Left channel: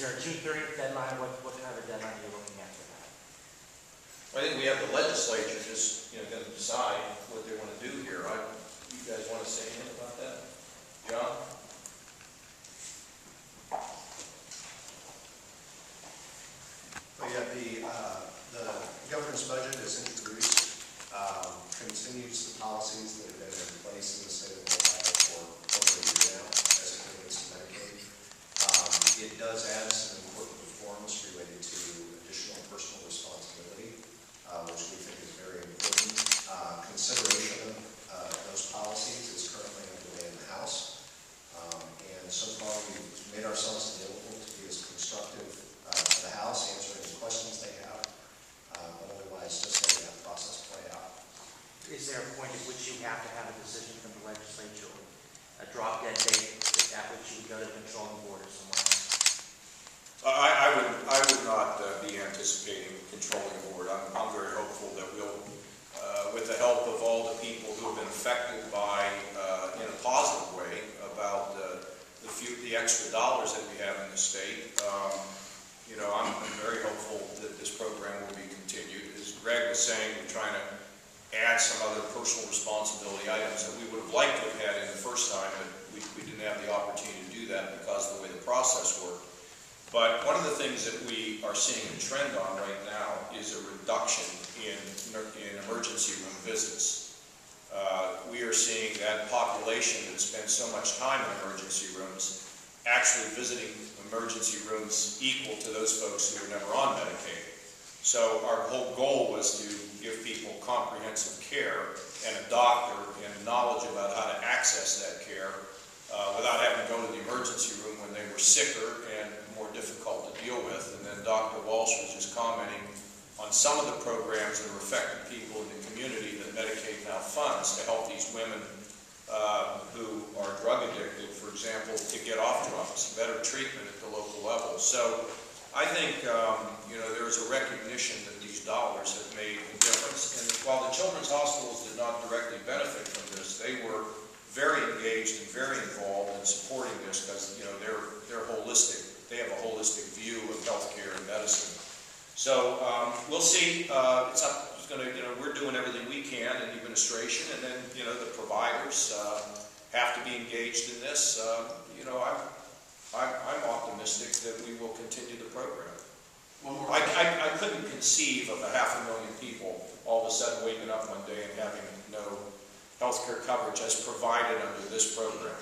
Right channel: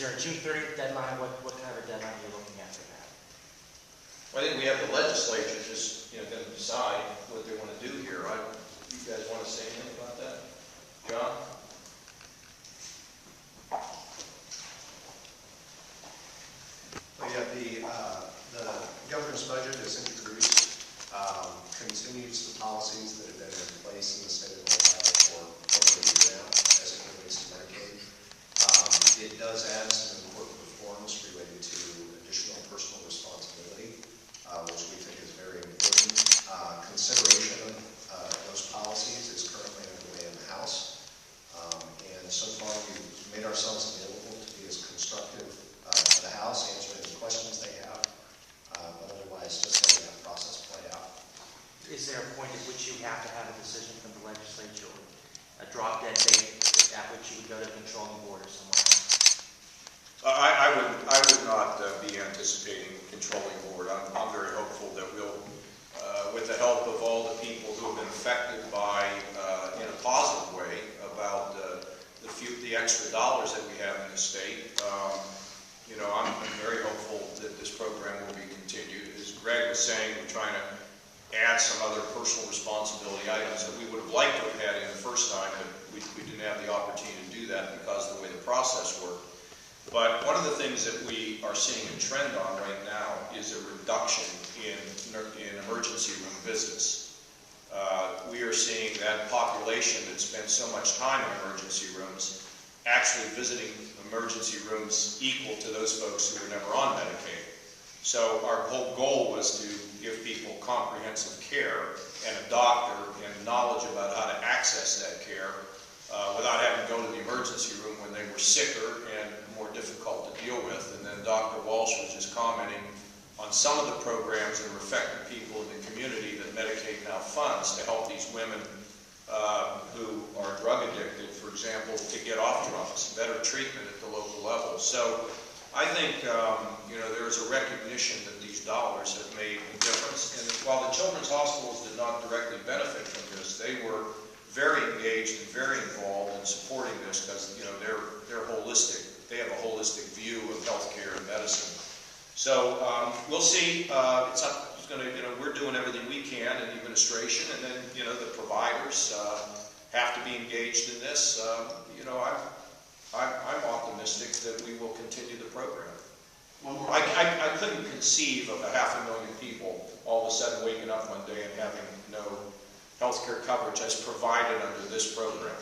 Is there a June 30th deadline? What kind of a deadline are you looking at for that? I think we have the legislature just, going to decide what they want to do here. You guys want to say anything about that? John? Well, yeah, the governor's budget is introduced, continues the policies that have been in place in the state of Ohio for over a year now as it relates to Medicaid. It does add some important reforms related to additional personal responsibility, which we think is very important. Consideration of those policies is currently underway in the House, and so far we've made ourselves available to be as constructive to the House, answering any questions they have, but otherwise just letting that process play out. Is there a point at which you have to have a decision from the legislature, a drop dead date at which you would go to the controlling board or somewhere else? I would not be anticipating controlling board. I'm very hopeful that we'll, with the help of all the people who have been affected by, in a positive way, about the extra dollars that we have in the state, I'm very hopeful that this program will be continued. As Greg was saying, we're trying to add some other personal responsibility items that we would have liked to have had in the first time, but we didn't have the opportunity to do that because of the way the process worked. But one of the things that we are seeing a trend on right now is a reduction in emergency room visits. We are seeing that population that spends so much time in emergency rooms actually visiting emergency rooms equal to those folks who were never on Medicaid. So our whole goal was to give people comprehensive care and a doctor and knowledge about how to access that care without having to go to the emergency room when they were sicker and more difficult to deal with. And then Dr. Walsh was just commenting on some of the programs that are affecting people in the community that Medicaid now funds to help these women who are drug addicted, for example, to get off drugs, better treatment at the local level. So I think, there's a recognition that these dollars have made a difference. And while the children's hospitals did not directly benefit from this, they were very engaged and very involved in supporting this because, they're holistic. They have a holistic view of healthcare and medicine. So we'll see. It's up. It's going to. We're doing everything we can in the administration, and then the providers have to be engaged in this. I'm optimistic that we will continue the program. I couldn't conceive of 500,000 people all of a sudden waking up one day and having no health care coverage as provided under this program.